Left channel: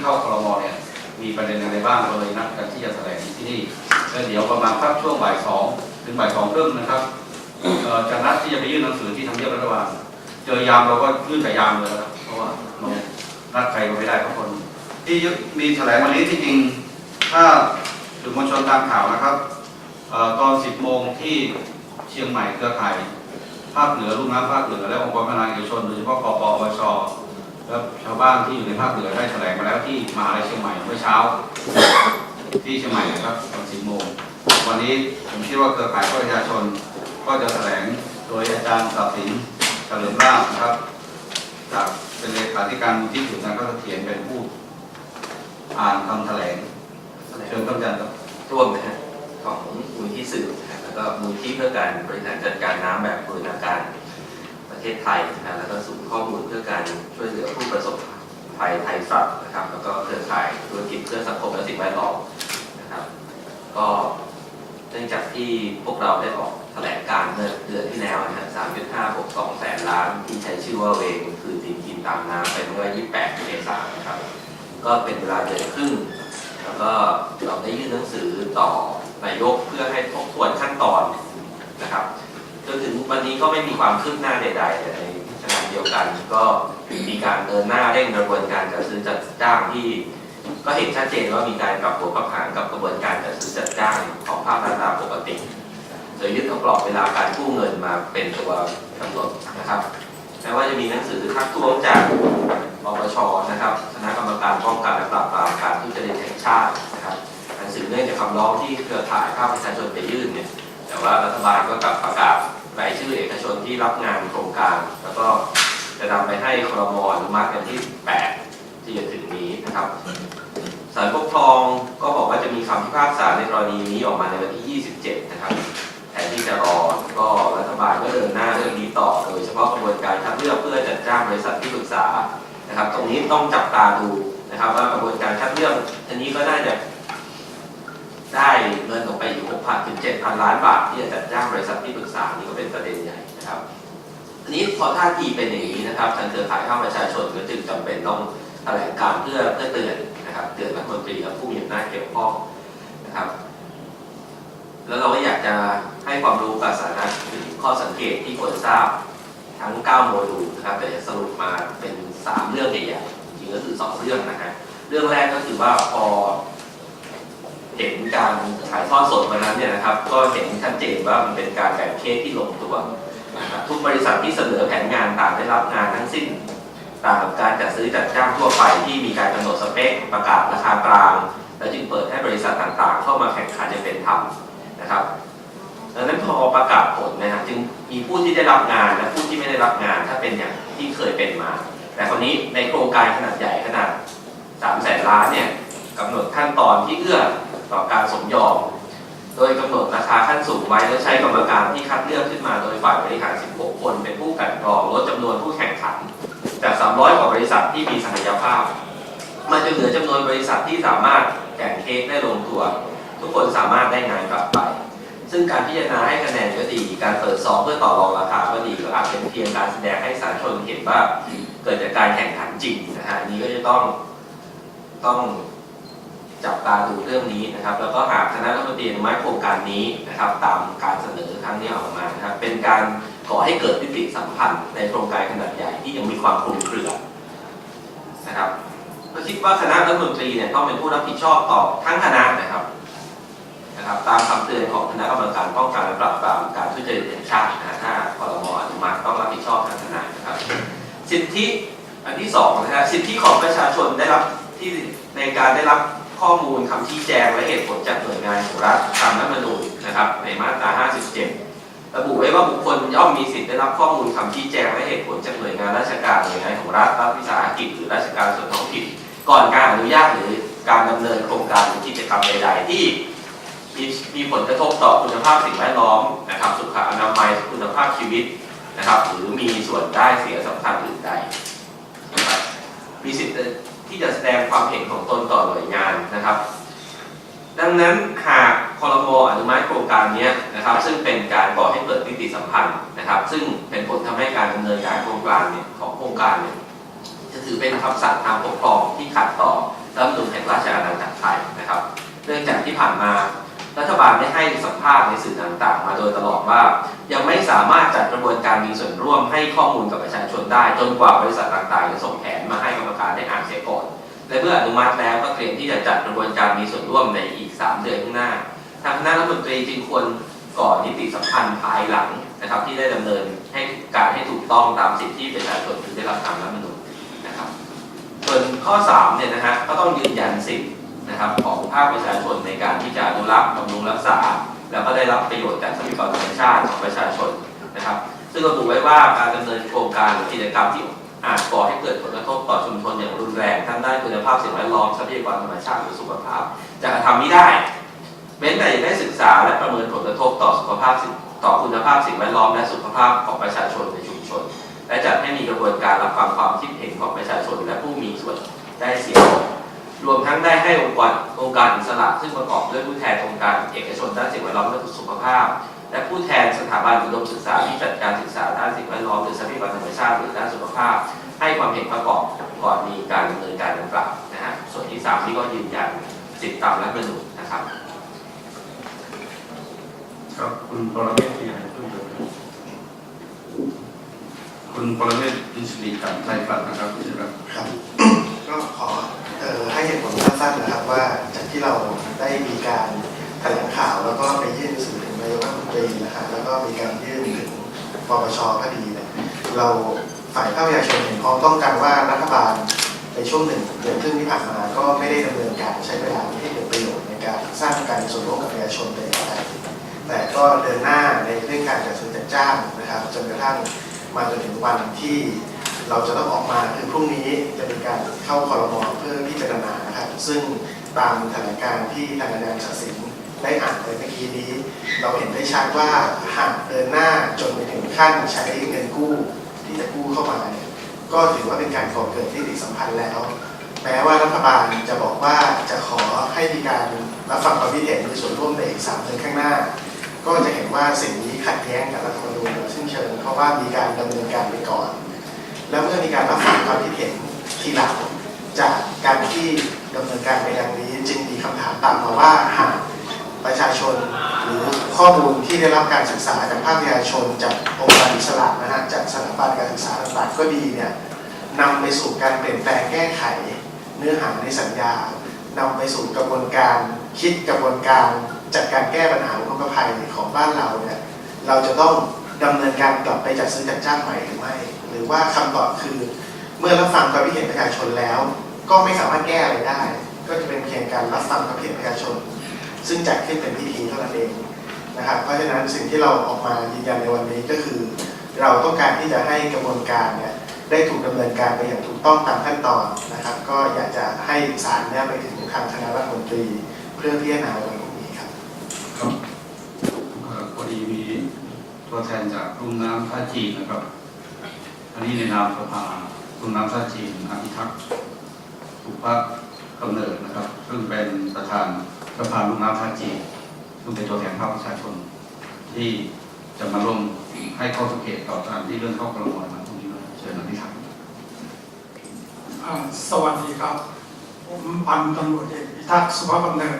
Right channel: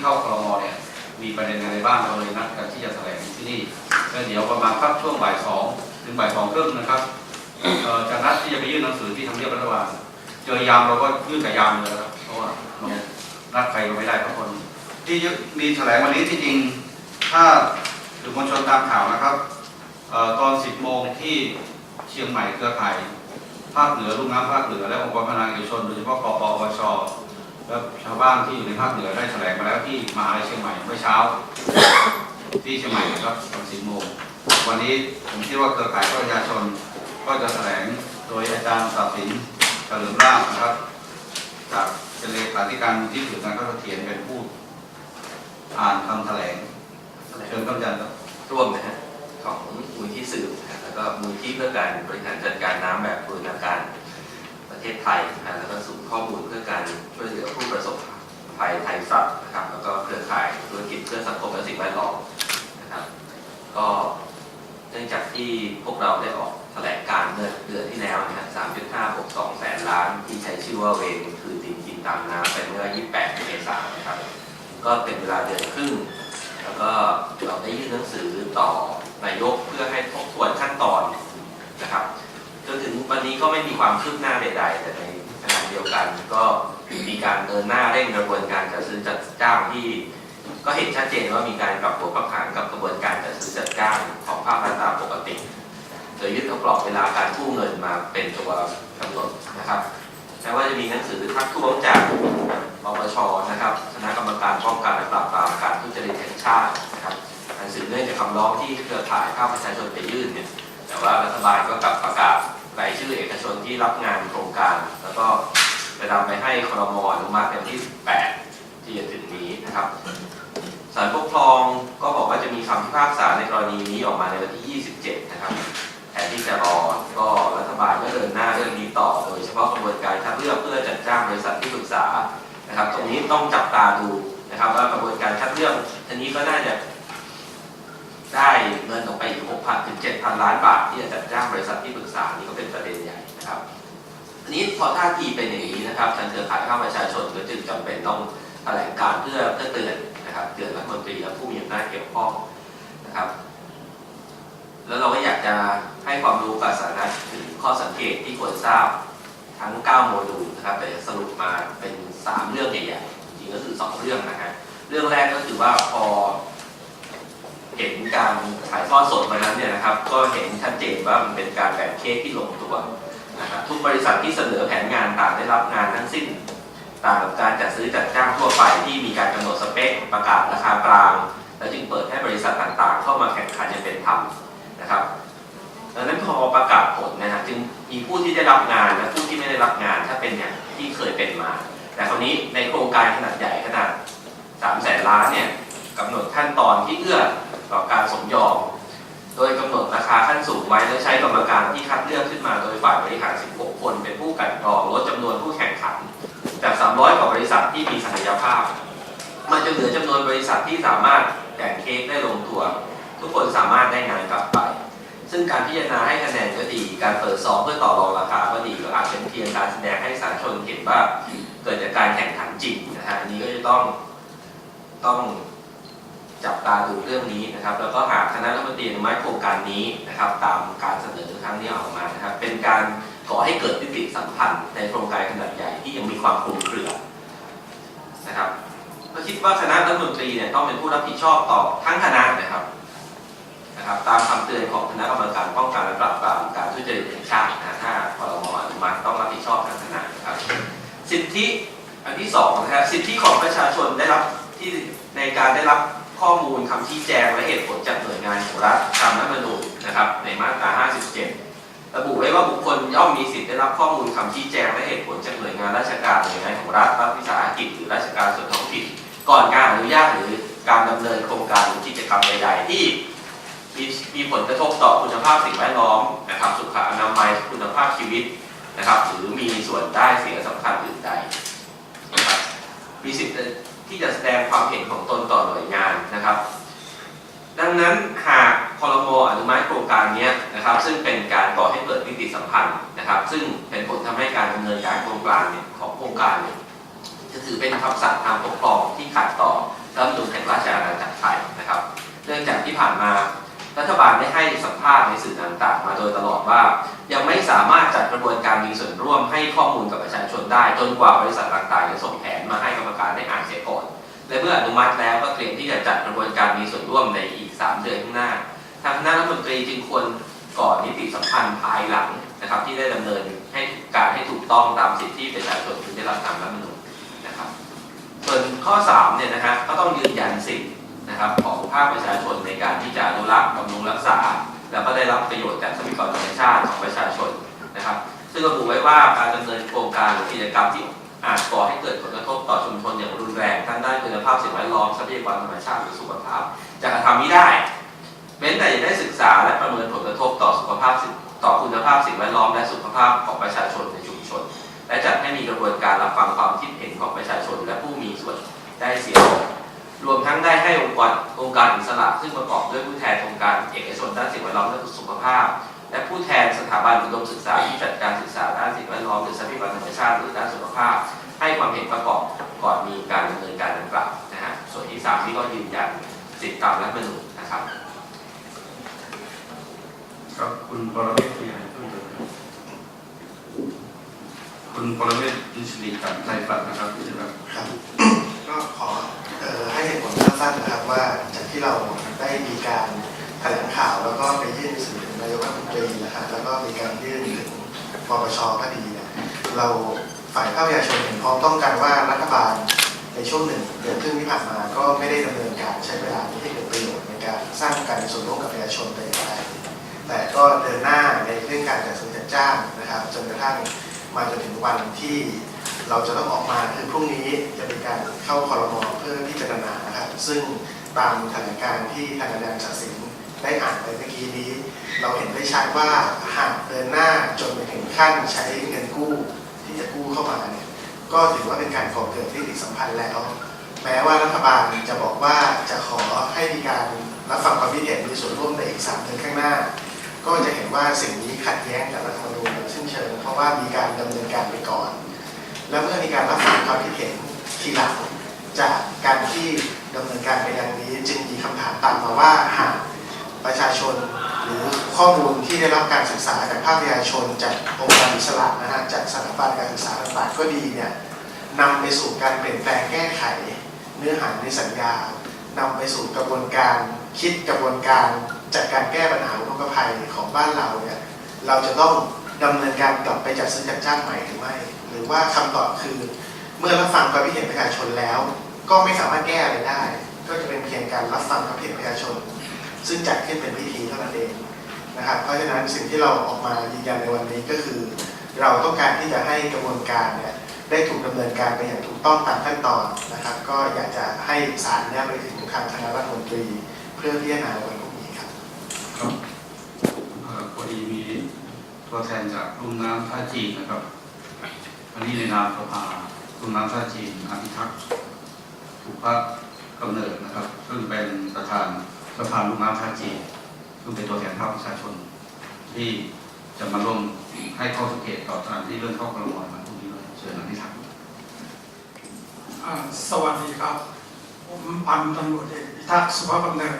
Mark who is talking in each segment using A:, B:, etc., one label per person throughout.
A: เรื่องที่เข้าครมเนี่ยมีประเด็นอะไรบ้างเลยนัดกันที่จะแถลงที่นี่แล้วเดี๋ยวประมาณพักช่วงบ่ายสองถึงบ่ายสองครึ่งนะครับจะนัดที่จะไปยื่นหนังสือที่ทำเนียบรัฐบาลเจอยามเราก็ยื่นแต่ยามเลยนะครับเพราะว่ารานัดใครก็ไม่ได้ทุกคน ที่มีแถลงวันนี้ที่จริงถ้าสื่อมวลชนตามข่าวนะครับตอน10โมงที่เชียงใหม่เครือข่ายภาคเหนือลุ่มน้ำภาคเหนือและองค์กรพนาเอกชนโดยเฉพาะกปปช และชาวบ้านที่อยู่ในภาคเหนือได้แถลงมาแล้วที่มหาลัยเชียงใหม่เมื่อเช้า ที่เชียงใหม่นะครับตอน10โมงวันนี้ผมคิดว่าเครือข่ายประชาชนก็จะแถลงโดยอาจารย์ตัดสินเฉลิมราชนะครับ จากเป็นเลขาธิการมูลที่สื่อการเข้าเขียนเป็นผู้อ่านคำแถลงเชิญท่านอาจารย์ครับ
B: ร่วมนะฮะของมูลที่สื่อนะฮะแล้วก็มูลที่เพื่อการบริหารจัดการน้ำแบบบูรณาการ ประเทศไทยนะแล้วก็ศูนย์ข้อมูลเพื่อการช่วยเหลือผู้ประสบภัยไทยสัตว์นะครับ แล้วก็เครือข่ายธุรกิจเพื่อสังคมและสิ่งแวดล้อมนะครับ ก็เนื่องจากที่พวกเราได้ออกแถลงการณ์เมื่อเดือนที่แล้วนะฮะ3.5บวก2แสนล้านที่ใช้ชื่อว่าเวงคือดินกินตามน้ำเป็นเมื่อ 28 เมษายนนะครับ ก็เป็นเวลาเดือนครึ่ง แล้วก็เราได้ยื่นหนังสือต่อนายกเพื่อให้ทบทวนขั้นตอนนะครับ นถึงวันนี้ก็ไม่มีความคืบหน้าใดๆแต่ในขณะเดียวกันก็มีการเดินหน้าเร่งกระบวนการจัดซื้อจัดจ้างที่ ก็เห็นชัดเจนว่ามีการปรับตัวปรับหางกับกระบวนการจัดซื้อจัดจ้างของภาครัฐตามปกติโดยยึดเอากรอบเวลาการกู้เงินมาเป็นตัวกำหนดนะครับแม้ว่าจะมีหนังสือทักท้วงจากปปชนะครับคณะกรรมการป้องกันและปราบปรามการทุจริตแห่งชาตินะครับหนังสือเนื่องจากคำร้องที่เครือข่ายภาคประชาชนไปยื่นเนี่ยแต่ว่ารัฐบาลก็กลับประกาศ รายชื่อเอกชนที่รับงานโครงการ แล้วก็จะนำไปให้ครมอนุมัติกันที่ 8 ที่จะถึงนี้นะครับศาลปกครองก็บอกว่าจะมีคำพิพากษาในกรณีนี้ออกมาในวันที่ 27 นะครับแทนที่จะรอก็รัฐบาลก็เดินหน้าเรื่องนี้ต่อ โดยเฉพาะกระบวนการคัดเลือกเพื่อจัดจ้างบริษัทที่ปรึกษานะครับ ตรงนี้ต้องจับตาดูนะครับว่ากระบวนการคัดเลือกอันนี้ก็น่าจะ ได้เงินออกไปอยู่ 6,000 ถึง 7,000 ล้านบาท ที่จะจัดจ้างบริษัทที่ปรึกษานี่ก็เป็นประเด็นใหญ่นะครับอันนี้พอท่าทีเป็นอย่างนี้นะครับทางเครือข่ายภาประชาชนก็จึงจำเป็นต้องแถลงการเพื่อเพื่อเตือนนะครับเตือนรัฐมนตรีและผู้มีอำนาจเกี่ยวข้องนะครับ แล้วเราก็อยากจะให้ความรู้กับสาระถึงข้อสังเกตที่ควรทราบทั้ง 9 โมดูลนะครับแต่สรุปมาเป็น 3 เรื่องใหญ่ๆจริงก็คือ 2 เรื่องนะฮะเรื่องแรกก็คือว่าพอ เห็นการถ่ายทอดสดวันนั้นเนี่ยนะครับ ก็เห็นชัดเจนว่ามันเป็นการแบ่งเค้กที่ลงตัวนะครับทุกบริษัทที่เสนอแผนงานต่างได้รับงานทั้งสิ้นต่างกับการจัดซื้อจัดจ้างทั่วไปที่มีการกำหนดสเปค ประกาศราคากลาง แล้วจึงเปิดให้บริษัทต่างๆ เข้ามาแข่งขันอย่างเป็นธรรมนะครับดังนั้นพอประกาศผลนะฮะจึงมีผู้ที่ได้รับงานและผู้ที่ไม่ได้รับงานถ้าเป็นอย่างที่เคยเป็นมา แต่คราวนี้ในโครงการขนาดใหญ่ขนาด3แสนล้านเนี่ยกำหนดขั้นตอนที่เอื้อ ต่อการสมยอม โดยกำหนดราคาขั้นสูงไว้และใช้กรรมการที่คัดเลือกขึ้นมาโดยฝ่ายบริหาร 16 คนเป็นผู้กันกรองลดจำนวนผู้แข่งขัน จาก 300 กว่าบริษัทที่มีศักยภาพ มันจะเหลือจำนวนบริษัทที่สามารถแข่งเค้กได้ลงตัว ทุกคนสามารถได้งานกลับไป ซึ่งการพิจารณาให้คะแนนก็ดี การเปิดซองเพื่อต่อรองราคาก็ดีก็อาจเป็นเพียงการแสดงให้สาธารณชนเห็นว่าเกิดจากการแข่งขันจริงนะฮะอันนี้ก็จะต้องต้อง จับตาดูเรื่องนี้นะครับ แล้วก็หากคณะรัฐมนตรีอนุมัติโครงการนี้นะครับ ตามการเสนอครั้งนี้ออกมานะครับ เป็นการก่อให้เกิดวิกฤตสัมพันธ์ในโครงการขนาดใหญ่ที่ยังมีความคลุมเครือนะครับ ก็คิดว่าคณะรัฐมนตรีเนี่ยต้องเป็นผู้รับผิดชอบต่อทั้งคณะนะครับนะครับ ตามคำเตือนของคณะกรรมการป้องกันและปราบปรามการทุจริตแห่งชาตินะถ้าพรมอนุมัติต้องรับผิดชอบทางคณะนะครับ สิทธิอันที่สองนะฮะสิทธิของประชาชนได้รับที่ในการได้รับ ข้อมูลคำชี้แจงและเหตุผลจากหน่วยงานของรัฐตามรัฐธรรมนูญนะครับ ในมาตรา 57 ระบุไว้ว่าบุคคลย่อมมีสิทธิได้รับข้อมูลคำชี้แจงและเหตุผลจากหน่วยงานราชการหน่วยงานของรัฐรัฐวิสาหกิจหรือราชการส่วนท้องถิ่นก่อนการอนุญาตหรือการดำเนินโครงการหรือกิจกรรมใดๆ ที่มีมีผลกระทบต่อคุณภาพสิ่งแวดล้อมนะครับสุขอนามัยคุณภาพชีวิตนะครับ หรือมีส่วนได้เสียสำคัญอื่นใดนะครับมีสิทธิ์ ที่จะแสดงความเห็นของตนต่อหน่วยงานนะครับ ดังนั้นหากคอรมออนุมัติโครงการนี้นะครับ ซึ่งเป็นการก่อให้เกิดนิติสัมพันธ์นะครับ ซึ่งเป็นผลทำให้การดำเนินการโครงการเนี่ยของโครงการเนี่ยจะถือเป็นคำสั่งทางปกครองที่ขัดต่อรัฐธรรมนูญแห่งราชอาณาจักรไทยนะครับ เนื่องจากที่ผ่านมาาลได้ให้สัมภาษณ์ในสื่อต่างๆ มาโดยตลอดว่า ยังไม่สามารถจัดกระบวนการมีส่วนร่วมให้ข้อมูลกับประชาชนได้ จนกว่าบริษัทต่างๆจะส่งแผนมาให้กรรมการได้อ่านเสียก่อนและเมื่ออนุมัติแล้วก็เตรียมที่จะจัดกระบวนการมีส่วนร่วมในอีก 3 เดือนข้างหน้า ทางคณะรัฐมนตรีจึงควรก่อนนิติสัมพันธ์ภายหลังนะครับที่ได้ดำเนินให้การให้ถูกต้องตามสิทธิประชาชนที่ได้รับตามรัฐมนูญนะครับ ส่วนข้อ3เนี่ยนะฮะก็ต้องยืนยันสิทธิ นะครับของภาคประชาชนในการที่จะอนุรักษ์บำรุงรักษา แล้วก็ได้รับประโยชน์จากทรัพยากรธรรมชาติของประชาชนนะครับ ซึ่งระบุไว้ว่าการดำเนินโครงการหรือกิจกรรมที่อาจก่อให้เกิดผลกระทบต่อชุมชนอย่างรุนแรงทั้งด้านคุณภาพสิ่งแวดล้อมทรัพยากรธรรมชาติหรือสุขภาพจะกระทำไม่ได้เว้นแต่จะได้ศึกษาและประเมินผลกระทบต่อสุขภาพต่อคุณภาพสิ่งแวดล้อมและสุขภาพของประชาชนในชุมชน ถาบันอุดมศึกษาที่จัดการศึกษาด้
C: การใช้เวลาที่ให้เกิดประโยชน์ในการสร้างการมีส่วนร่วมกับประชาชนแต่อย่างใดแต่ก็เดินหน้าในเรื่องการจัดซื้อจัดจ้างนะครับจนกระทั่งมาจนถึงวันที่เราจะต้องออกมาคือพรุ่งนี้จะเป็นการเข้าคอรมอเพื่อที่จะดำเนินนะครับซึ่งตามแถลงการที่ทางอาจารย์ศักดิ์สินได้อ่านไปเมื่อกี้นี้ เราเห็นได้ชัดว่าหากเดินหน้าจนไปถึงขั้นใช้เงินกู้ที่จะกู้เข้ามาเนี่ยก็ถือว่าเป็นการก่อเกิดนิติสัมพันธ์แล้ว แม้ว่ารัฐบาลจะบอกว่าจะขอให้มีการรับฟังความคิดเห็นมีส่วนร่วมในอีกสามเดือนข้างหน้า ก็จะเห็นว่าสิ่งนี้ขัดแย้งกับรัฐธรรมนูญโดยสิ้นเชิงเพราะว่ามีการดำเนินการไปก่อน แล้วเมื่อมีการรับฟังความคิดเห็นทีหลังจากการที่ดำเนินการไปอย่างนี้ จึงมีคำถามตามมาว่าหากประชาชนหรือข้อมูลที่ได้รับการศึกษาจากภาคประชาชนจากองค์การอิสระนะฮะจากสถาบันการศึกษาต่างๆก็ดีเนี่ยนำไปสู่การเปลี่ยนแปลงแก้ไข เนื้อหาในสัญญานำไปสู่กระบวนการคิดกระบวนการจัดการแก้ปัญหาอุทกภัยของบ้านเราเนี่ยเราจะต้องดำเนินการกลับไปจัดซื้อจัดจ้างใหม่หรือไม่ หรือว่าคำตอบคือ เมื่อรับฟังความคิดเห็นประชาชนแล้ว ก็ไม่สามารถแก้อะไรได้ ก็จะเป็นเพียงการรับฟังความคิดเห็นประชาชน ซึ่งจัดขึ้นเป็นพิธีเท่านั้นเองนะครับเพราะฉะนั้นสิ่งที่เราออกมายืนยันในวันนี้ก็คือ เราต้องการที่จะให้กระบวนการเนี่ย ได้ถูกดำเนินการไปอย่างถูกต้องตามขั้นตอนนะครับ ก็อยากจะให้สารเนี่ยไปถึงทางคณะรัฐมนตรีเพื่อพิจารณาในวันพรุ่งนี้ครับ
A: ครับพอดีมีตัวแทนจากรุ่มน้ำท่าจีนนะครับ อันนี้ในนามสภารุ่มน้ำท่าจีนอาพิทักษ์ถูกพระกำเนิดนะครับ ซึ่งเป็นประธานสภารุ่มน้ำท่าจีนซึ่งเป็นตัวแทนภาคประชาชนที่จะมาร่วมให้ข้อสังเกตต่อการที่เรื่องข้ากระบวนด เชิญอภิทักษ์
D: อ่าสวัสดีครับ ผมพันตำรวจเอกพิทักษ์สุภาพกำเนิด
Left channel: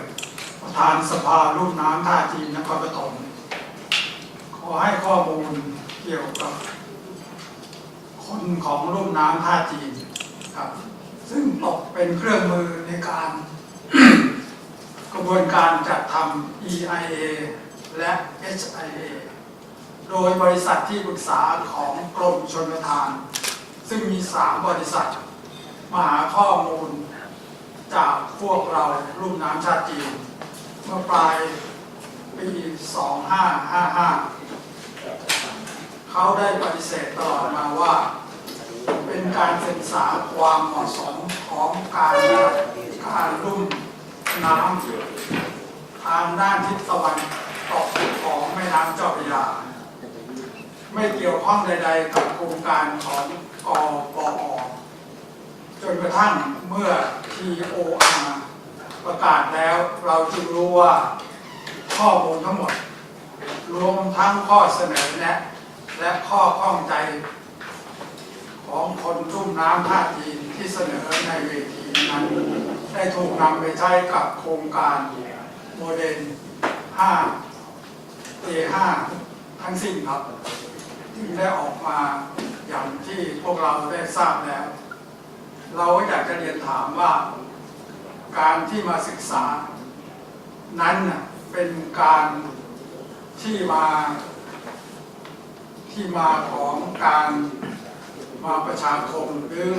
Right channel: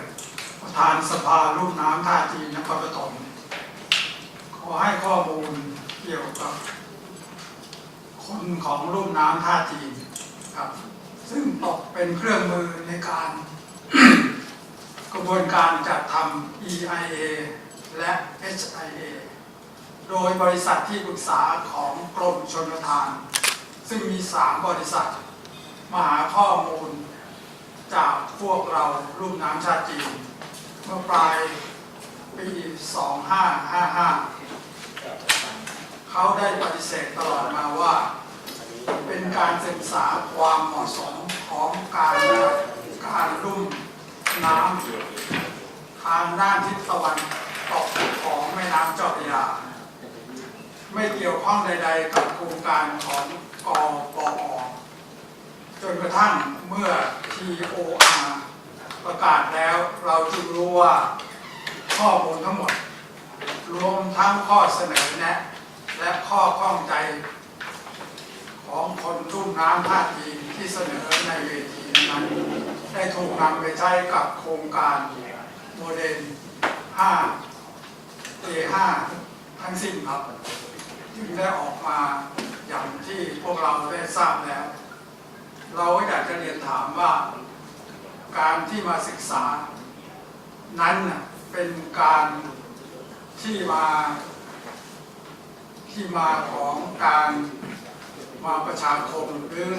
D: ประธานสภาลูกน้ำท่าจีนนครปฐมขอให้ข้อมูลเกี่ยวกับคนของลูกน้ำท่าจีนครับ ซึ่งตกเป็นเครื่องมือในการ กระบวนการจัดทำ EIA และ HIA โดยบริษัทที่ปรึกษาของกรมชลประทาน ซึ่งมี3บริษัท มาหาข้อมูล จากพวกเรารุ่มน้ำชาติจีน เมื่อปลายปี 2555 เขาได้ปฏิเสธตลอดมาว่า เป็นการศึกษาความเหมาะสมของการการลุ่มน้ำทางด้านทิศตะวันตกของแม่น้ำเจ้าพระยาไม่เกี่ยวข้องใด ๆ กับโครงการของ กปอจนกระทั่งเมื่อ TOR ประกาศแล้วเราจึงรู้ว่าข้อมูลทั้งหมด รวมทั้งข้อเสนอแนะ และข้อข้องใจ ของคนรุ่มน้ำท่าจีนที่เสนอในเวทีนั้น ได้ถูกนำไปใช้กับโครงการโมเดล5 A5 ทั้งสิ้นครับ จึงได้ออกมา อย่างที่พวกเราได้ทราบแล้ว เราอยากจะเรียนถามว่าการที่มาศึกษา นั้นเป็นการที่มาที่มาของการมาประชาคมหรือ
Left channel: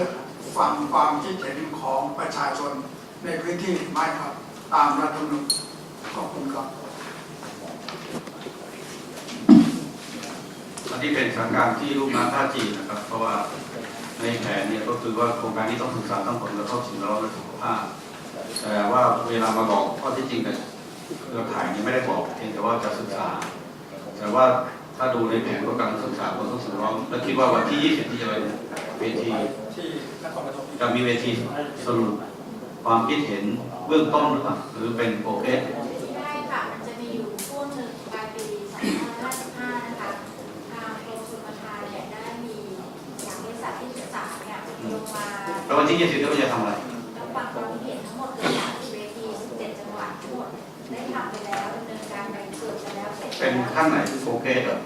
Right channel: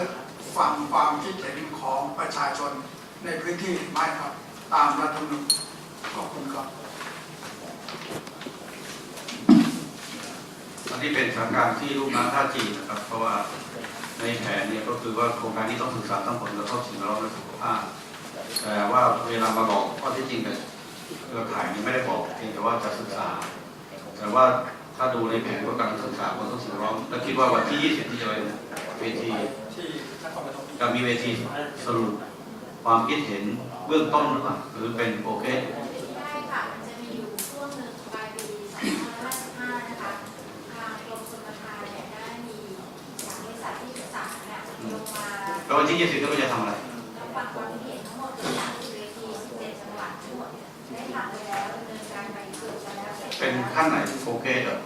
D: ฟังความคิดเห็นของประชาชนในพื้นที่ไหมครับ ตามรัฐธรรมนูญขอบคุณครับ
A: อันนี้เป็นสถานการณ์ที่ลูกน้ำท่าจีนนะครับ เพราะว่าในแผนเนี่ยก็คือว่าโครงการนี้ต้องศึกษาทั้งผลกระทบสิ่งแวดล้อมและสุขภาพแต่ว่าเวลามาบอกข้อที่จริงกับเครือข่ายนี้ไม่ได้บอกเพียงแต่ว่าจะศึกษา แต่ว่าถ้าดูในแผนก็กำลังศึกษาผลกระทบสิ่งแวดล้อมและคิดว่าวันที่ 20 ที่จะเป็นเวทีที่จะมีเวทีสรุปความคิดเห็นเบื้องต้นหรือเปล่าหรือเป็นโปรเกรส
E: ได้ค่ะ มันจะมีอยู่ช่วงหนึ่งปลายปี2555 นะคะ ทางกรมชลประทานเนี่ยได้มีจากบริษัทที่ศึกษาเนี่ยลงมา
A: แล้ววันที่ 20ก็จะทำอะไร
E: รับฟังความคิดเห็นทั้งหมดเกือบ30เวที17จังหวัดทั้งหมดได้ทำไปแล้วดำเนินการไปเกือบจะแล้วเสร็จ
A: เป็นแล้วขั้นไหนโปรเกรสเหรอ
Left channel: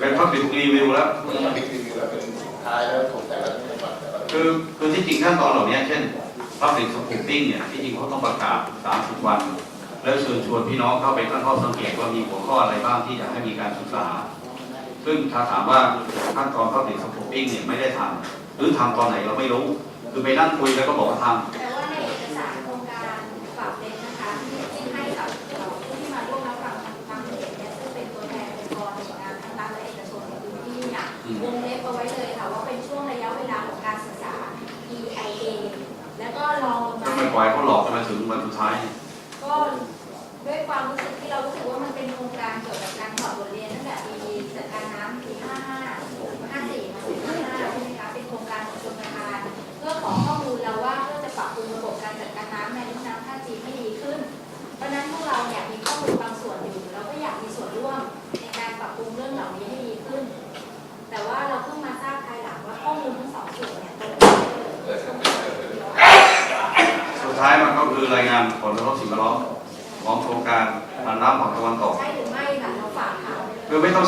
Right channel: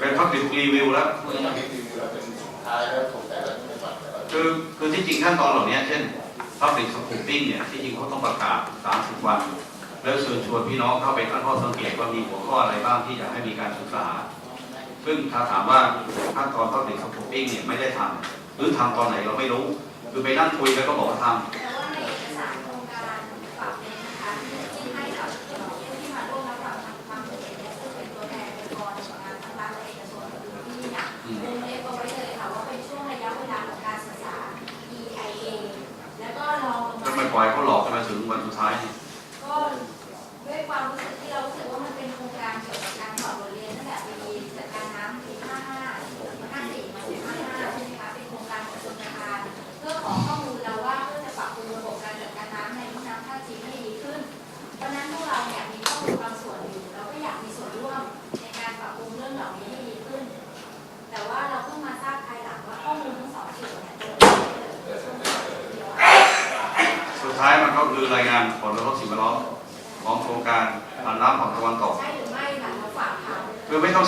A: เป็นพับบิรีวิวแล้วคือคือที่จริงขั้นตอนเหล่านี้เช่น Public Scoping เนี่ยที่จริงเขาต้องประกาศ 30 วัน แล้วเชิญชวนพี่น้องเข้าไปตั้งข้อสังเกตว่ามีหัวข้ออะไรบ้างที่อยากให้มีการศึกษา ซึ่งถ้าถามว่าขั้นตอน Public Scoping เนี่ยไม่ได้ทำหรือทำตอนไหนเราไม่รู้ คือไปนั่งคุยแล้วก็บอกว่าทำ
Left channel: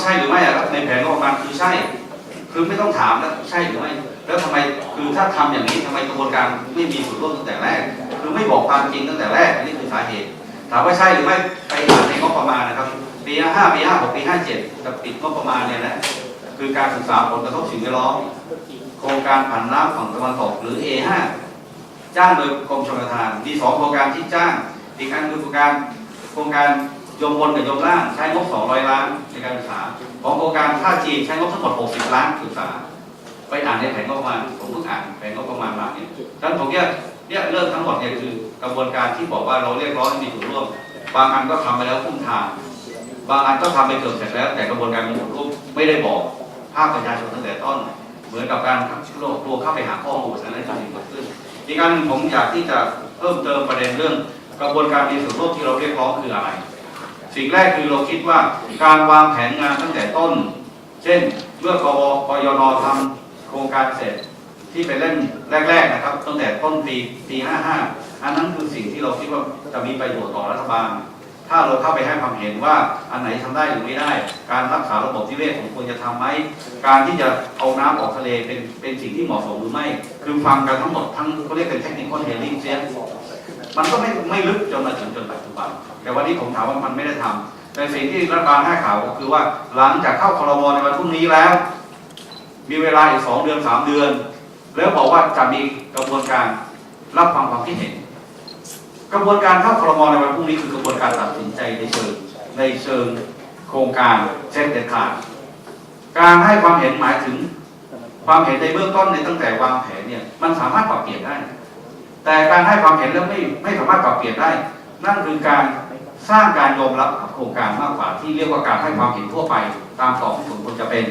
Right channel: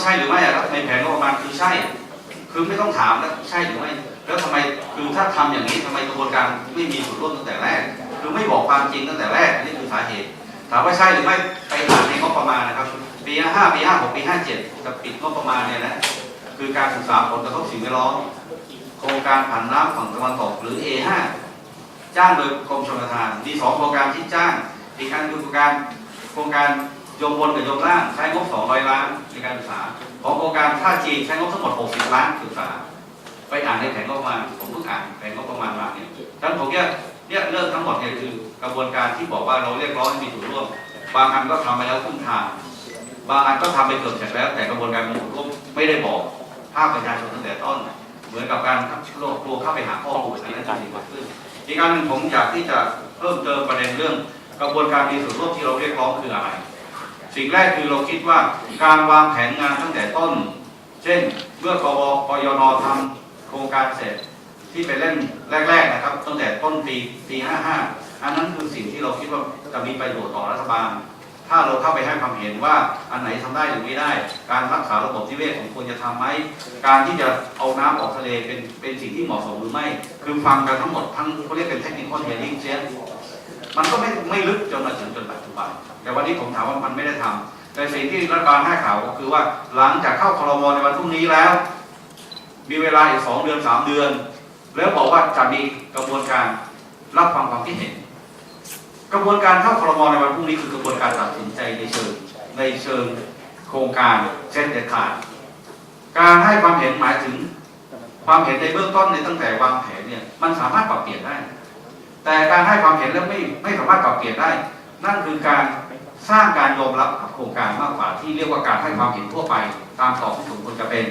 A: ช่หรือไม่อะครับในแผนงบประมาณคือใช่ คือไม่ต้องถามแล้วใช่หรือไม่แล้วทำไมคือถ้าทำอย่างนี้ทำไมกระบวนการไม่มีส่วนร่วมตั้งแต่แรก คือไม่บอกความจริงตั้งแต่แรกนนี้คือสาเหตุ ถามว่าใช่หรือไม่ไปอ่านในงบประมาณนะครับปี55ปี56ปี57จะปิดงบประมาณเนี่ยนะคือการศึกษาผลกระทบสิ่งแวดล้อมโครงการผันน้ำฝั่งตะวันตกหรือ A5 จ้างโดยกรมชลประทาน มีสองโครงการที่จ้าง อีกอันคือโครงการโครงการ ยมบนกับยมล่างใช้งบ 200 ล้านในการศึกษา ของโครงการท่าจีนใช้งบทั้งหมด 60 ล้านศึกษา ไปอ่านในแผนงบประมาณ ผมเพิ่งอ่านแผนงบประมาณมาเนี่ยฉะนั้นผมเนี่ยเนี่ยเรื่องทั้งหมดเนี่ยคือกระบวนการที่บอกว่าเราเรียกร้องให้มีส่วนร่วม บางอันก็ทำไปแล้วครึ่งทาง บางอันก็ทำไปเกือบเสร็จแล้ว แต่กระบวนการมีส่วนร่วมไม่ได้บอกภาคประชาชนตั้งแต่ต้น เหมือนกับการโลกตัวเข้าไปหาข้อมูลอันนั้นจะมีเกิดขึ้น อีกอันหนึ่งผมอยากที่จะเพิ่มเติมประเด็นเรื่อง กระบวนการมีส่วนร่วมที่เราเรียกร้องคืออะไร สิ่งแรกคือเราคิดว่าการวางแผนงานตั้งแต่ต้น เช่นเมื่อกบกยนทำโครงการเสร็จที่ไปเล่นแรก ๆนะครับ ตั้งแต่ต้นปีปี 55 อันนั้นคือสิ่งที่เราคิดว่าจะมีประโยชน์ต่อรัฐบาล ถ้าเราเข้าไปให้ความเห็นว่าอันไหนทำได้หรือไม่ได้ การรักษาระบบนิเวศของควรจะทำไหมการที่จะเอาน้ำออกทะเลเป็นเป็นสิ่งที่เหมาะสมหรือไม่ คือฟังกันทั้งหมดทั้งเขาเรียกเป็นเทคนิคอนเทนลิ่งเสีย มันก็ไม่ไม่ลึกจนมาถึงจนปัจจุบัน แต่วันนี้ผมถามว่ามันไม่ได้ทำแต่สิ่งที่รัฐบาลให้ข่าวก็คือว่าหลังจากเข้าครมในวันพรุ่งนี้แล้ว มีเวลาอีกสองเดือนสามเดือน แล้วบอกว่าจะมีกระบวนการรับฟังความคิดเห็น กระบวนการเข้าครมในวันพรุ่งนี้คือกระบวนการตัดสินใจในเชิงในเชิงโครงการเช่นเด็ดขาดการให้ความเห็นหมายถึงความเห็นในเบื้องต้นในตั้งแต่วางแผนเนี่ยมันสามารถปรับเปลี่ยนได้ แต่การให้ความเห็นแล้วไม่ไม่สามารถปรับเปลี่ยนได้ นั่นคือการสร้างการยอมรับกับโครงการมากกว่าที่เรียกว่าการให้ความเห็นทั่วไปตามต่อที่สมควรจะเป็น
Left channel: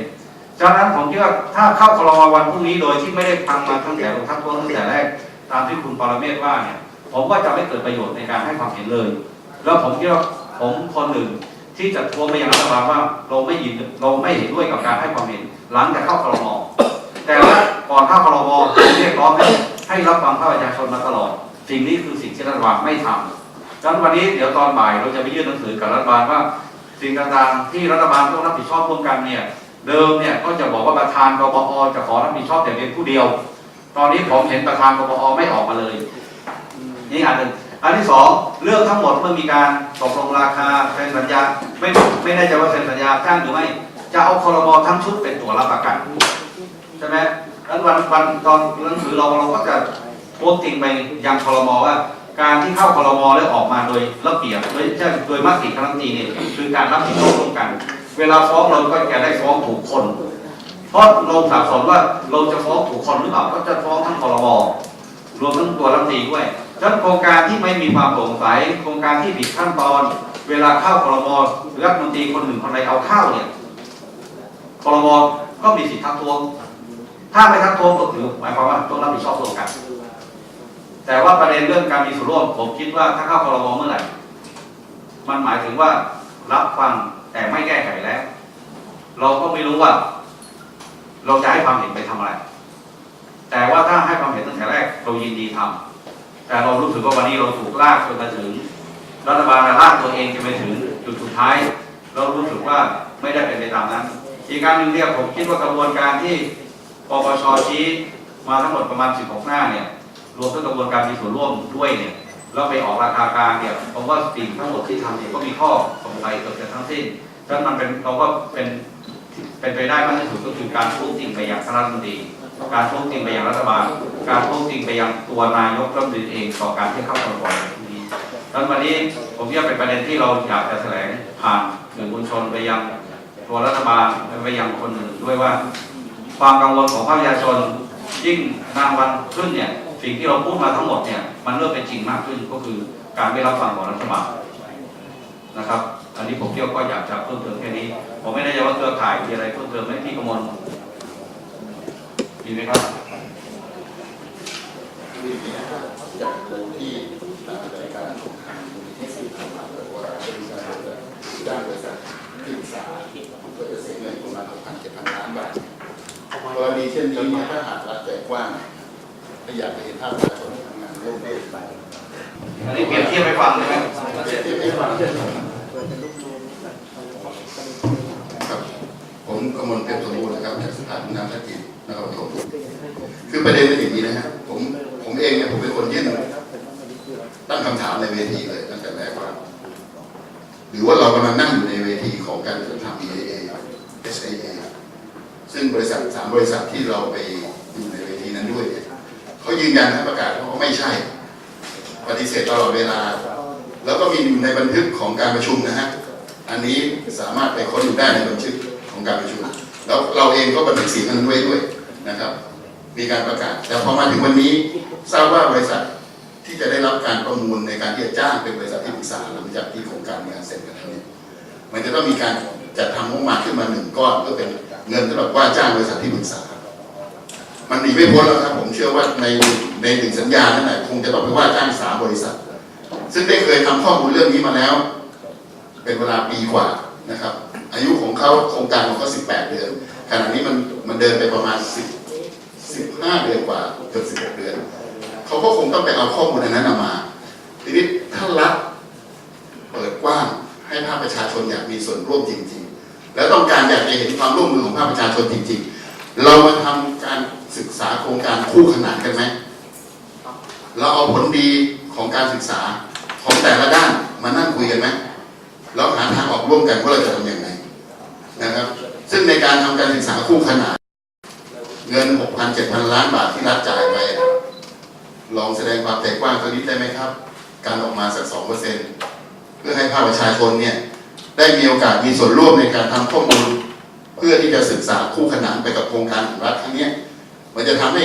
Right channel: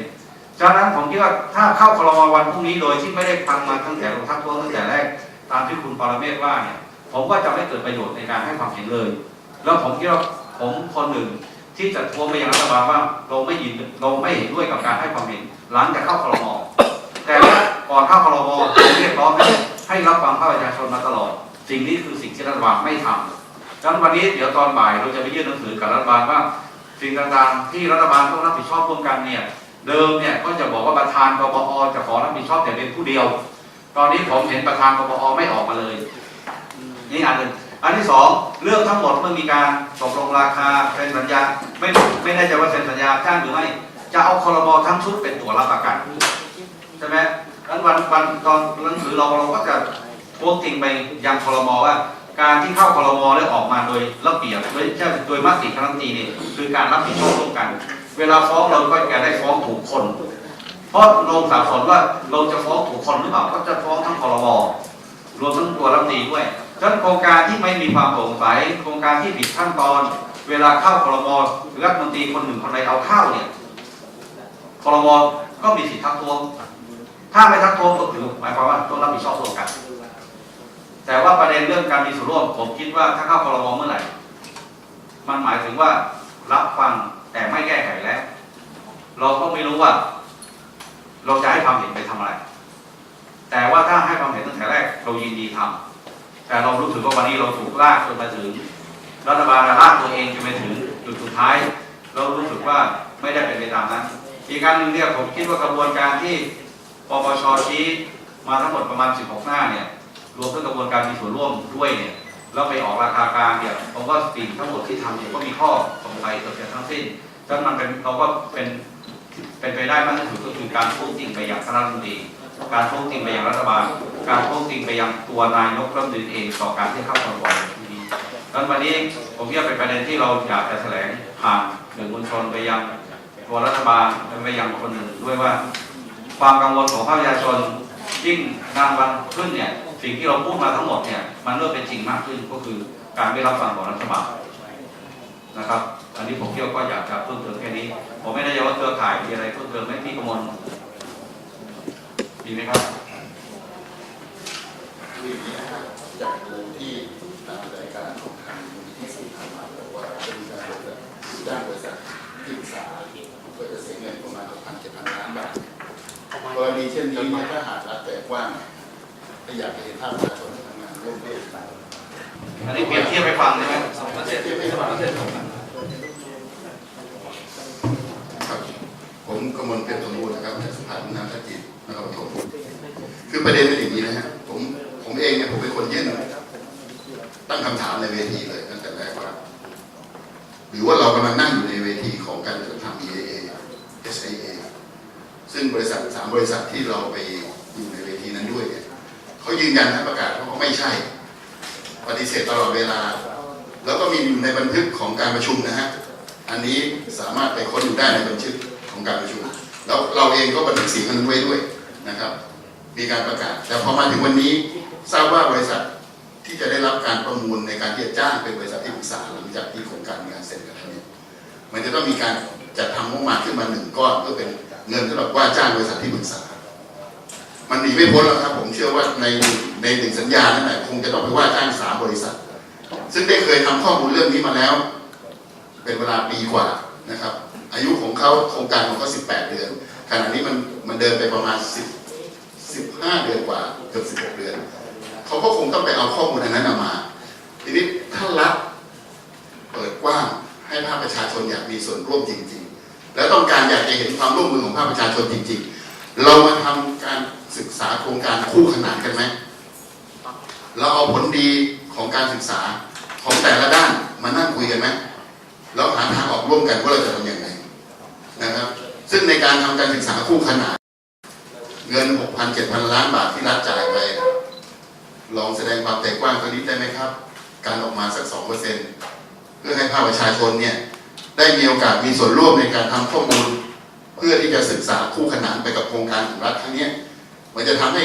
A: ฉะนั้นผมคิดว่าถ้าเข้าครมวันพรุ่งนี้โดยที่ไม่ได้ทำมาตั้งแต่ลงทักท้วงตั้งแต่แรกตามที่คุณปรเมศว่าเนี่ยผมว่าจะไม่เกิดประโยชน์ในการให้ความเห็นเลย แล้วผมคิดว่าผมคนหนึ่งที่จะทวงไปยังรัฐบาลว่าเราไม่ยินเราไม่เห็นด้วยกับการให้ความเห็น หลังจากเข้าครมแต่ว่าก่อนเข้าครมผมเรียกร้องให้ ให้รับฟังภาคประชาชนมาตลอด สิ่งนี้คือสิ่งที่รัฐบาลไม่ทำฉะนั้นวันนี้เดี๋ยวตอนบ่ายเราจะไปยื่นหนังสือกับรัฐบาลว่า สิ่งต่างๆ ที่รัฐบาลต้องรับผิดชอบร่วมกันเนี่ยเดิมเนี่ยก็จะบอกว่าประธานกบอจะขอรับผิดชอบแต่เพียงผู้เดียว ตอนนี้ผมเห็นประธานกบอไม่ออกมาเลยนี่อันหนึ่งอันที่สองเรื่องทั้งหมดเมื่อมีการตกลงราคาเซ็นสัญญาไม่ไม่แน่ใจว่าเซ็นสัญญาจ้างหรือไม่จะเอาคอรมอทั้งชุดเป็นตัวรับประกันใช่ไหม นั้นวันวันตอนหนังสือเราเราก็จะโพสต์ติงไปยังคอรมอว่า การที่เข้าคอรมอแล้วออกมาโดยระเบียบโดยใช่โดยมติคณะรัฐมนตรีเนี่ยคือการรับผิดชอบร่วมกัน เวลาฟ้องเราก็จะได้ฟ้องถูกคน เพราะลงสับสนว่าเราจะฟ้องถูกคนหรือเปล่าก็จะฟ้องทั้งคอรมอรวมทั้งตัวรัฐมนตรีด้วยฉะนั้นโครงการที่ไม่มีความโปร่งใสโครงการที่ผิดขั้นตอน เวลาเข้าคอรมอรัฐมนตรีคนหนึ่งคนใดเอาเข้าเนี่ยคอรมอก็มีสิทธิ์ทักท้วง ถ้าไม่ทักท้วงก็ถือหมายความว่าต้องรับผิดชอบร่วมกัน แต่ว่าประเด็นเรื่องการมีส่วนร่วมผมคิดว่าถ้าเข้าคอรมอเมื่อไหร่ มันหมายถึงว่ารับฟังแต่ไม่แก้ไขแล้ว เราก็ไม่รู้ว่า เราจะให้ความเห็นไปทำอะไร แต่ว่าถ้าให้ความเห็นตั้งแต่แรก เรายินดีทำแต่เรารู้สึกว่าวันนี้เราถูกลากจนมาถึงรัฐบาลลากตัวเองจนไปถึงจุดสุดท้าย เรารู้สึกว่าไม่ได้เป็นไปตามนั้น อีกการหนึ่งเนี่ยผมคิดว่ากระบวนการที่ ปปชชี้มาทั้งหมดประมาณ 16 หน้าเนี่ยรวมทั้งกระบวนการมีส่วนร่วมด้วยเนี่ยแล้วไปออกราคากลางเนี่ยผมว่าสิ่งทั้งหมดที่ทำเนี่ยก็มีข้อสงสัยเกิดขึ้นทั้งสิ้นฉะนั้นมันเป็นเราก็เป็นเป็นไปได้มากที่สุดก็คือการพูดจริงไปยังรัฐมนตรีการพูดจริงไปยังรัฐบาล การพูดจริงไปยังตัวนายกรัฐมนตรีเองต่อการที่เข้าครมในที่นี้ดังนั้นวันนี้ผมว่าเป็นประเด็นที่เราอยากจะแถลงผ่านสื่อมวลชนไปยังตัวรัฐบาลไปยังคนอื่นด้วยว่า ความกังวลของภาคประชาชนยิ่งนานวันขึ้นเนี่ยสิ่งที่เราพูดมาทั้งหมดเนี่ยมันเริ่มเป็นจริงมากขึ้นก็คือการไม่รับฟังของรัฐบาลนะครับ อันนี้ผมเที่ยวก็อยากจะเพิ่มเติมแค่นี้ ผมไม่แน่ใจว่าเครือข่ายมีอะไรเพิ่มเติมไหมพี่กมลมีไหมครับ
F: คืออย่างนี้นะครับอยากรู้ที่ตามรายการของทางมูลนิธิสื่อทำมาบอกว่าจะมีการจ้างบริษัทที่ปรึกษาก็จะเสียเงินประมาณ6,000 7,000ล้านบาท กรณีเช่นนี้เนี่ยถ้าหากรัฐใจกว้างถ้าอยากจะเห็นภาพประชาชนทำงานร่วมด้วยกัน
A: อันนี้เปรียบเทียบไปฟังได้ไหมค
G: รับผมกมลเพชรสมบูรณ์นะครับจากสถาบันน้ำท่าจีนนครปฐมคือประเด็นเป็นอย่างนี้นะฮะผมผมเองเนี่ยผมเป็นคนยื่นตั้งคำถามในเวทีเลยตั้งแต่แรกว่าหรือว่าเรากำลังนั่งอยู่ในเวทีของการจัดทำ EAA SAA ซึ่งบริษัทสามบริษัทที่เราไปอยู่ในเวทีนั้นด้วยเนี่ยเขายืนยันและประกาศว่าเขาไม่ใช่ ปฏิเสธตลอดเวลา แล้วก็มีอยู่ในบันทึกของการประชุมนะฮะอันนี้สามารถไปค้นดูได้ในบันทึกของการประชุมแล้วเราเองก็บันทึกเสียงนั้นไว้ด้วยนะครับ มีการประกาศแต่พอมาถึงวันนี้ทราบว่าบริษัทที่จะได้รับการประมูลในการที่จะจ้างเป็นบริษัทที่ปรึกษาหลังจากที่โครงการมีการเสร็จกันแล้วเนี่ยมันจะต้องมีการจัดทำงบประมาณขึ้นมาหนึ่งก้อนเพื่อเป็น เงินสำหรับว่าจ้างบริษัทที่ปรึกษา มันหนีไม่พ้นแล้วครับ ผมเชื่อว่าในในหนึ่งสัญญานั่นแหละคงจะต้องไปว่าจ้างสามบริษัท ซึ่งได้เคยทำข้อมูลเรื่องนี้มาแล้ว เป็นเวลาปีกว่านะครับ อายุของเขาโครงการของเขา18เดือนขณะนี้มันมันเดินไปประมาณ10 15เดือนกว่าเกือบ16เดือนเขาก็คงต้องไปเอาข้อมูลอันนั้นมาทีนี้ถ้ารัฐเปิดกว้างให้ภาคประชาชนอยากมีส่วนร่วมจริง แล้วต้องการอยากจะเห็นความร่วมมือของภาคประชาชนจริง ๆ เรามาทำการศึกษาโครงการคู่ขนานกันไหมเราเอาผลดีของการศึกษาของแต่ละด้านมานั่งคุยกันไหมแล้วหาทางออกร่วมกันว่าเราจะทำอยังไงนะครับ ซึ่งในการทำการศึกษาคู่ขนานเงิน 6,000 7,000 ล้านบาทที่รัฐจ่ายไปลองแสดงความใจกว้างสักนิดได้ไหมครับ การออกมาสัก 2%เพื่อให้ภาคประชาชนเนี่ย ได้มีโอกาสมีส่วนร่วมในการทำข้อมูล เพื่อที่จะศึกษาคู่ขนานไปกับโครงการของรัฐครั้งนี้มันจะทำให้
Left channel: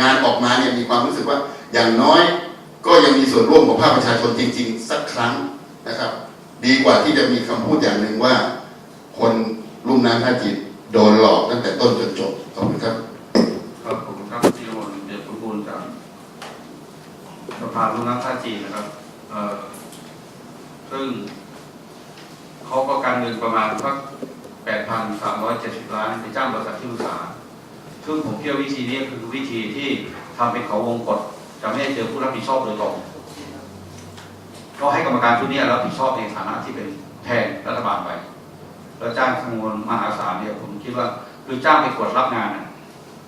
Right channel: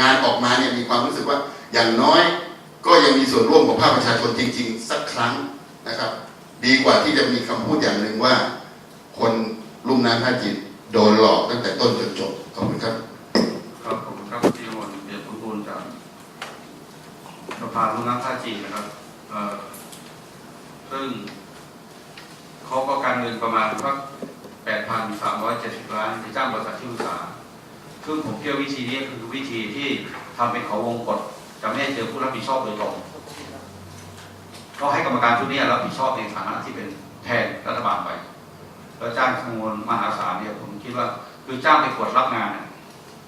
G: งานออกมาเนี่ยมีความรู้สึกว่าอย่างน้อยก็ยังมีส่วนร่วมของภาคประชาชนจริง ๆ สักครั้งนะครับ ดีกว่าที่จะมีคำพูดอย่างหนึ่งว่า คนลุ่มน้ำท่าจีนโดนหลอกตั้งแต่ต้นจนจบขอบคุณครับ
H: ครับผมครับที่มนเดียรสมบูรณ์จากสภาลุ่มน้ำท่าจีนนะครับเอ่อซึ่ง เขาก็การเงินประมาณสักแปดพันสามร้อยเจ็ดสิบล้านไปจ้างบริษัทที่ปรึกษาซึ่งผมเชื่อวิธีนี้คือวิธีที่ทำเป็นเขาวงกฏจะไม่ให้เจอผู้รับผิดชอบโดยตรงก็ให้กรรมการชุดนี้รับผิดชอบในฐานะที่เป็นแทนรัฐบาลไป แล้วจ้างจำนวนมหาศาลเนี่ยผมคิดว่าคือจ้างไปกดรับงาน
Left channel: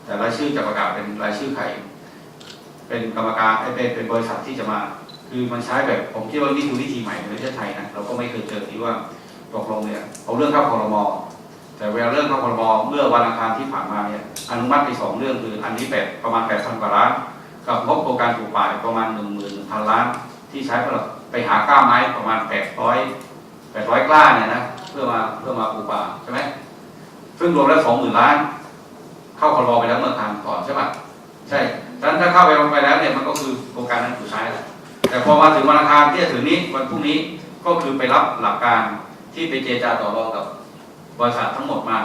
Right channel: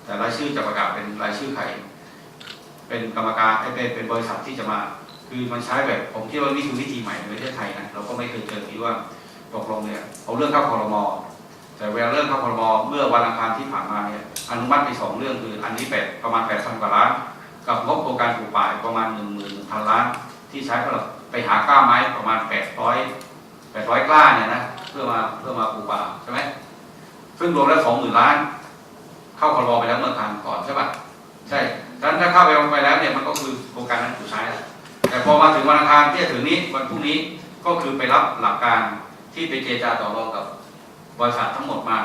H: แต่รายชื่อจะประกาศเป็นรายชื่อใครเป็นกรรมการเอ้เป็นเป็นบริษัทที่จะมา คือมันใช้แบบผมคิดว่านี่คือวิธีใหม่ในประเทศไทยนะเราก็ไม่เคยเจอที่ว่า ตกลงเนี่ยเอาเรื่องเข้าคอรมอแต่เวลาเรื่องเข้าคอรมอเมื่อวันอังคารที่ผ่านมาเนี่ยอนุมัติไปสองเรื่องคืออันนี้แปดประมาณแปดพันกว่าล้าน กับงบโครงการปลูกป่าประมาณหนึ่งหมื่นพันล้าน ที่ใช้สำหรับไปหากล้าไม้ประมาณแปดร้อยแปดร้อยกล้าเนี่ยนะเพื่อมาเพื่อมาปลูกป่าใช่ไหมซึ่งรวมแล้วสองหมื่นล้าน เข้าคอรมอไปแล้วเมื่อครั้งก่อนใช่ปะใช่ดังนั้นถ้าเข้าไปไปแล้วเนี่ยมันก็คือโครงการนั้นถูกใช้แล้วแต่พอมาถึงวันอังคารที่จะถึงนี้วันพรุ่งนี้ก็คือไปรับหลักการ ที่ไปเจรจาต่อรองกับบริษัททั้งหมดมา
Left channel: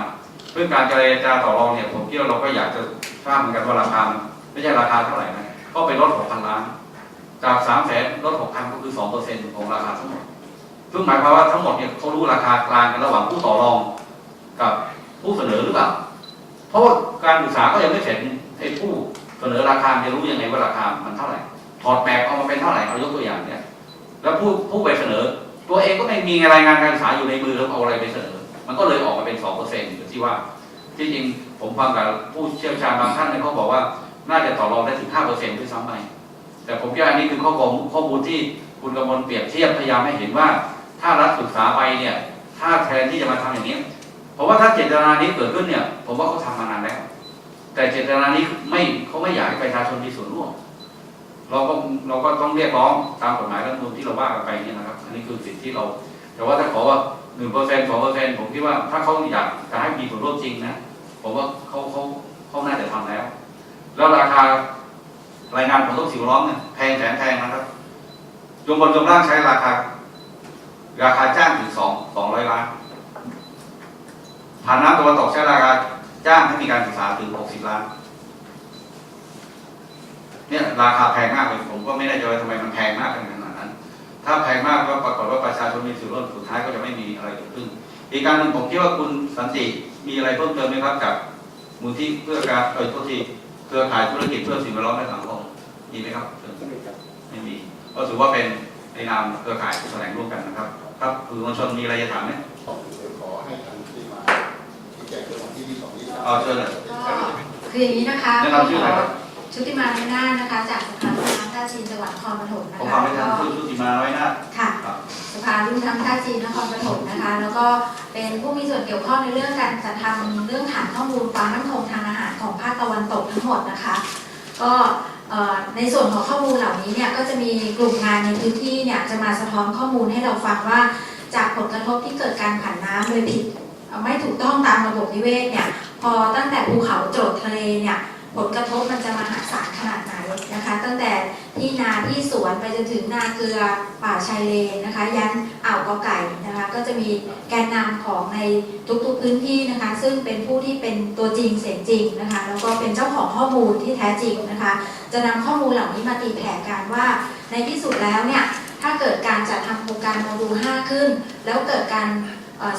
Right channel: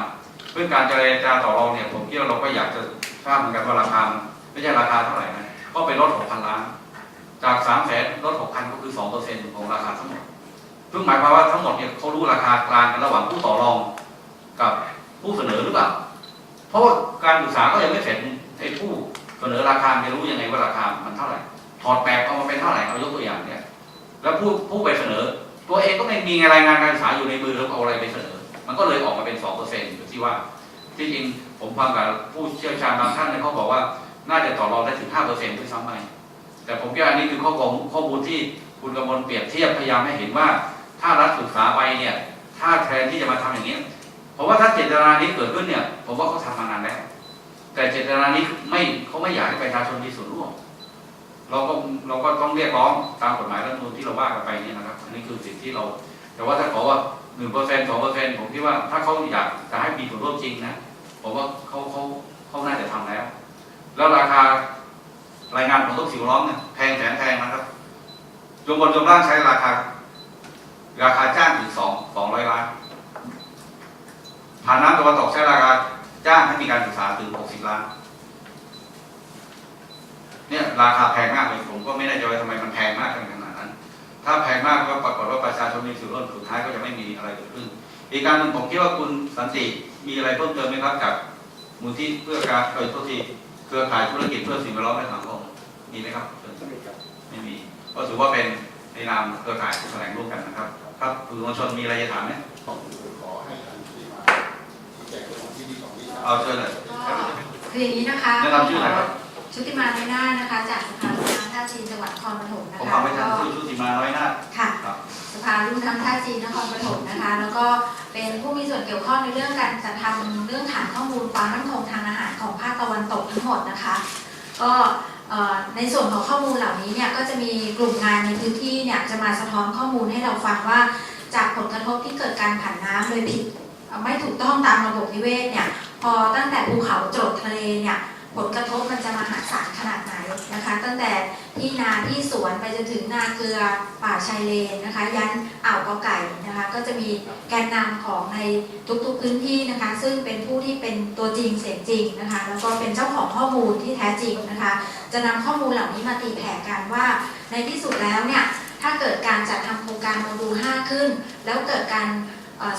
H: เพื่อการเจรจาต่อรองเนี่ยผมคิดว่าเราก็อยากจะทราบเหมือนกันว่าราคาไม่ใช่ราคาเท่าไหร่นะก็ไปลดหกพันล้านจากสามแสนลดหกพันก็คือสองเปอร์เซ็นต์ของราคาทั้งหมดซึ่งหมายความว่าทั้งหมดเนี่ยเขารู้ราคากลางกันระหว่างผู้ต่อรองกับผู้เสนอหรือเปล่าเพราะว่าการศึกษาก็ยังไม่เสร็จไอ้ผู้เสนอราคาจะรู้ยังไงว่าราคามันเท่าไหร่ถอดแบบเอามาเป็นเท่าไหร่เอายกตัวอย่างเนี่ย แล้วผู้ผู้ไปเสนอ ตัวเองก็ไม่มีรายงานการศึกษาอยู่ในมือแล้วเอาอะไรไปเสนอ มันก็เลยออกมาเป็นสองเปอร์เซ็นต์ที่ว่า ที่จริงผมฟังกับผู้เชี่ยวชาญบางท่านเนี่ยเขาบอกว่าน่าจะต่อรองได้ถึงห้าเปอร์เซ็นต์ด้วยซ้ำไปแต่ผมคิดว่าอันนี้คือข้อมูลข้อมูลที่คุณกำมลเปรียบเทียบพยายามให้เห็นว่า ถ้ารัฐศึกษาไปเนี่ย ถ้าแทนที่จะมาทำอย่างนี้ผมว่าถ้าเจตนานี้เกิดขึ้นเนี่ย ผมว่าเขาทำมานานแล้ว แต่เจตนานี้ไม่เขาไม่อยากให้ประชาชนมีส่วนร่วม เราก็เราก็ต้องเรียกร้องตามกฎหมายรัฐธรรมนูญที่เราว่ากันไปนี่นะครับ อันนี้คือสิ่งที่เรา แต่ว่าถ้าขอว่าหนึ่งเปอร์เซ็นต์สองเปอร์เซ็นต์ผมคิดว่าถ้าเขาอยากจะให้มีส่วนร่วมจริงนะผมว่าเขาเขาเขาน่าจะทำแล้ว แล้วราคารายงานของต้นสิวล้อมเนี่ยแพงแสนแพงนะครับจงบนจงล่างใช้ราคา ราคาจ้างถึงสองสองร้อยล้านฐานน้ำตะวันตกใช้ราคาจ้างให้มีการศึกษาถึงหกสิบล้าน เนี่ยราคาแพงมากเลยผมก็ไม่แน่ใจว่าทำไมมันแพงมากขนาดนั้น ถ้าแพงมากก็ปรากฏว่าประชาชนมีส่วนร่วมสุดท้ายก็จะไม่มีอะไรเกิดขึ้น อีกการหนึ่งผมคิดว่าคุณสันติมีอะไรเพิ่มเติมไหมครับจากมูลที่เพื่อการเอ่ยโทษทีเครือข่ายธุรกิจเพื่อสิ่งแวดล้อมและสังคมมีไหมครับเชิญไม่มีก็ถือว่าเป็นในนามเครือข่ายที่แถลงร่วมกันนะครับครับสื่อมวลชนมีอะไรจะถามไหม
I: ขอให้ทางที่มาที่แจกเรื่องที่ที่สองที่สา
H: มเอาเชิญเลยก็
J: คืออย่างนี้นะคะ
H: แนะนำชื่ออะไรครับ
J: ชุติมาไม่น่าถนะคะ จากสภาลูกน้ำท่าจีนจังหวัดนครปฐมน
H: ะผมคะทำไม่ทันก็ชื่อชุติมาน้อยนาถ
J: ค่ะ ครับ สภารุ่นน้ำท่าจีนนครปฐมนะคะ แล้วก็เป็นผู้มีส่วนเกี่ยวข้องในเรื่องการจัดทำเรื่องฐานข้อมูลความมั่นคงทางอาหารของภาคตะวันตกทั้งหมดนะคะ ก็เอ่อในส่วนของข้อมูลเหล่านี้เนี่ยก็จะมีกลุ่มงานในพื้นที่เนี่ยจะมาสะท้อนข้อมูลให้เราฟังว่า จากผลกระทบที่เกิดการผันน้ำโดยผิดเอ่อไม่ถูกต้องตามระบบนิเวศเนี่ยพอตั้งแต่ภูเขาจรดทะเลเนี่ย ผลกระทบมันจะมหาศาลขนาดไหนนะคะ ตั้งแต่ที่นาที่สวนไปจนถึงนาเกลือป่าชายเลนนะคะ ยันอ่าวกอไก่นะคะ ก็จะมีแกนนำของในทุกๆพื้นที่นะคะ ซึ่งเป็นผู้ที่เป็นตัวจริงเสียงจริงนะคะ แล้วก็เป็นเจ้าของข้อมูลที่แท้จริงนะคะ จะนำข้อมูลเหล่านี้มาตีแผ่กันว่า ในที่สุดแล้วเนี่ยถ้าเกิดการจัดทำโครงการโมดูล5ขึ้น แล้วเกิดการ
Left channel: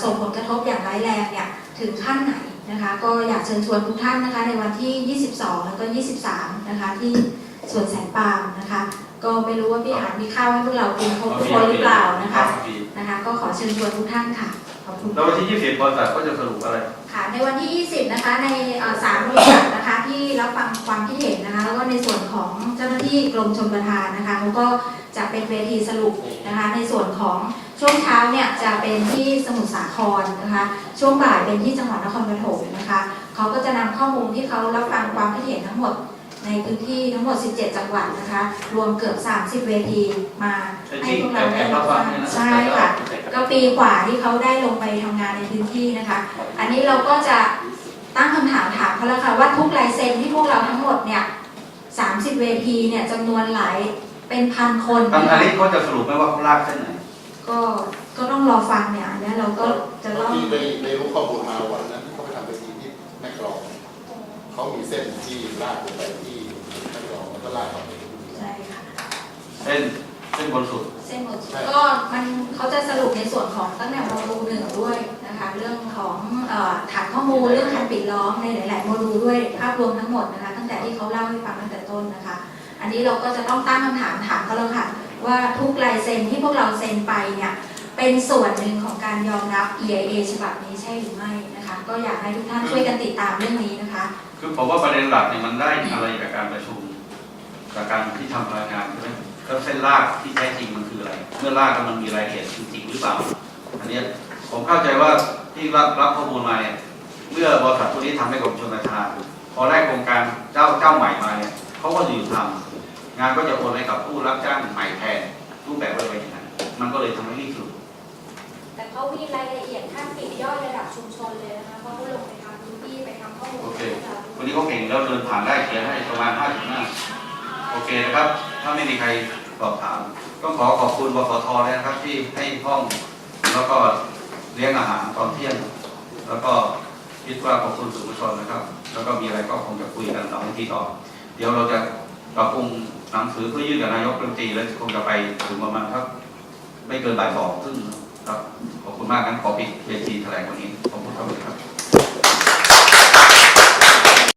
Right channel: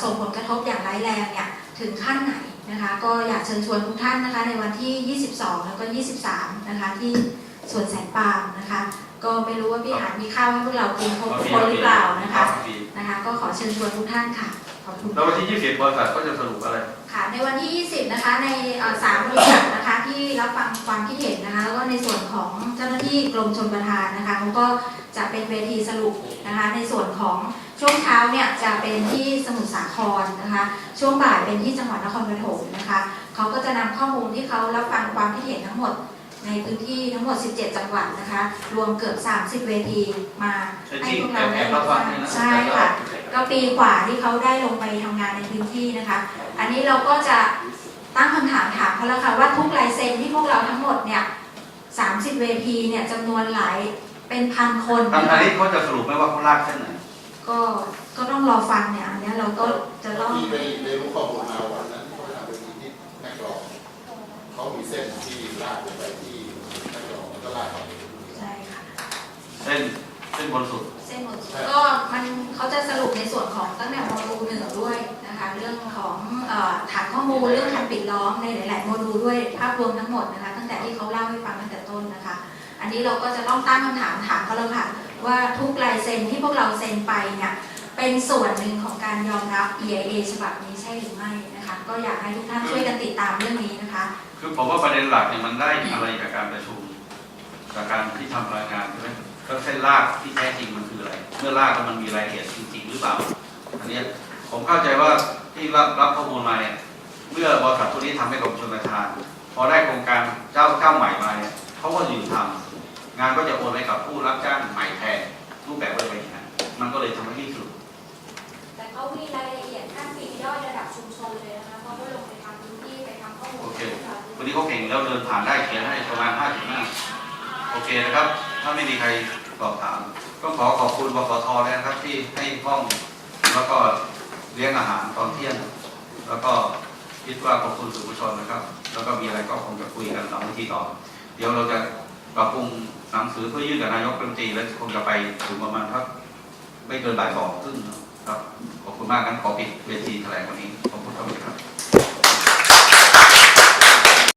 J: ส่งผลกระทบอย่างร้ายแรงเนี่ยถึงขั้นไหน นะคะก็อยากเชิญชวนทุกท่านนะคะในวันที่ 22 แล้วก็ 23 นะคะที่สวนแสนปาล์มนะคะ ก็ไม่รู้ว่าพี่หานมีข้าวให้พวกเรากินครบทุกคนหรือเปล่านะคะนะคะ ก็ขอเชิญชวนทุกท่านค่ะขอ
H: บคุณแล้ววันที่ 20 บริษัทก็จะสรุปอะไร
J: ค่ะในวันที่ 20 นะคะในเอ่อสามบริษัทนะคะที่รับฟังความคิดเห็นนะคะแล้วก็ในส่วนของเจ้าหน้าที่กรมชลประทานนะคะเขาก็จะเป็นเวทีสรุปนะคะในส่วนของ ช่วงเช้าเนี่ยจะเป็นที่สมุทรสาครนะคะ ช่วงบ่ายเป็นที่จังหวัดนครปฐมนะคะเขาก็จะนำข้อมูลที่เขารับฟังความคิดเห็นทั้งหมดในพื้นที่ทั้งหมด 17 จังหวัดนะคะ รวมเกือบ 30 เวทีมาไอ้ให้ที่พวกแอเราบแอได้
H: บรัรับบฟัฟังงเนี่ยนะใช่ค่ะ
J: ก็ปีกว่าที่เขาได้ลงไปทำงานในพื้นที่นะคะ อันนี้เราก็จะตั้งคำถามถามเขาแล้วค่ะว่าทุกลายเซ็นที่พวกเราทั้งหมดเนี่ย 30 เวทีเนี่ยจำนวนหลายเป็นพันคน
H: ทางนะอันคะนี้เขาจะสรุปไหมว่าเขาลากเส้นไหน
J: ก็ก็ต้องรอฟังเนี่ยอันเนี้ยเราก็จ
I: ะเล่าที่ไปไปรู้ข้อมูลมาวันนั้นที่เขาไปทำไปทีที่แม่กลองเขามีเส้นที่ลากลงไปที่แม่กลองแล้วก็ลากเข้าไปที่นี่ใช่ค่ะ
H: เส้นเส้นบนสุด
J: เส้นหมดสุดก็มันเขาจะสรุปในส่วนของตั้งแต่โมดูลหนึ่งด้วยนะคะ เรื่องของเอ่อฐานข้อมูลเรื่องการปิดล้อมในหลาย ๆ โมดูลด้วยภาพรวมทั้งหมดนะคะ ตั้งแต่ที่เขาเล่าให้ฟังตั้งแต่ต้นนะคะ อันนี้เราก็จะต้องตั้งคำถามถามเขาแล้วค่ะ ว่าทุกลายเซ็นที่พวกเราเซ็นไปเนี่ยเป็นส่วนหนึ่งของการยอมรับ EIA ฉบับนี้ใช่หรือไม่นะคะก็อยากให้ทุกท่านช่วยกันติดตามเรื่องนี้นะคะ
H: คือผมว่าประเด็นหลักเนี่ยมันได้อะไรกับการประชุมกับการที่ทำรายงานใช่ไหมแล้วเส้นลากที่แท้จริงมันคืออะไร เมื่อลากแล้วมันมีรายละเอียดจริงๆหรือเปล่าอันเนี้ยผมเข้าใจว่าที่รับรับข้อมูลมาเนี่ยเมื่อบริษัทตัวนี้ทำให้กรมชลประทาน พอได้โครงการเจ้าเจ้าใหม่มาเนี่ยเขาก็อยู่ทำ งานก็จะโอนให้กับผู้รับจ้างใหม่แทนรูปแบบอะไรอย่างนั้นมันก็เลยทำให้รีบสรุป
J: แต่เขามีรายละเอียดขั้นปลีกย่อยระดับชุมชนเลยนะคะเพราะเขาลงไปทำพื้นที่ไปทำข้อมูล
H: โอเคให้เราดูวันนี้เขาเก่งแล้วเดินผ่านได้เขียนให้ประมาณ50หน้าโอเคนะครับ ถ้าไม่มีใครสอบถามก็ขอขอบคุณบกทเลยนะครับที่ให้ห้องแล้วก็เลี้ยงอาหารตอนเที่ยงแล้วก็คิดว่าขอบคุณสื่อมวลชนนะครับ แล้วก็มีอะไรก็คงจะคุยกันหลังทีต่อ เดี๋ยวเราจะปรับปรุง หนังสือเพื่อยื่นกับนายกรัฐมนตรีแล้วคงจะไปถึงประมาณครับ ไม่เกินบ่ายสองครึ่งครับ ขอบคุณมากงั้นขอปิดเวทีแถลงวันนี้ ขอบคุณครับ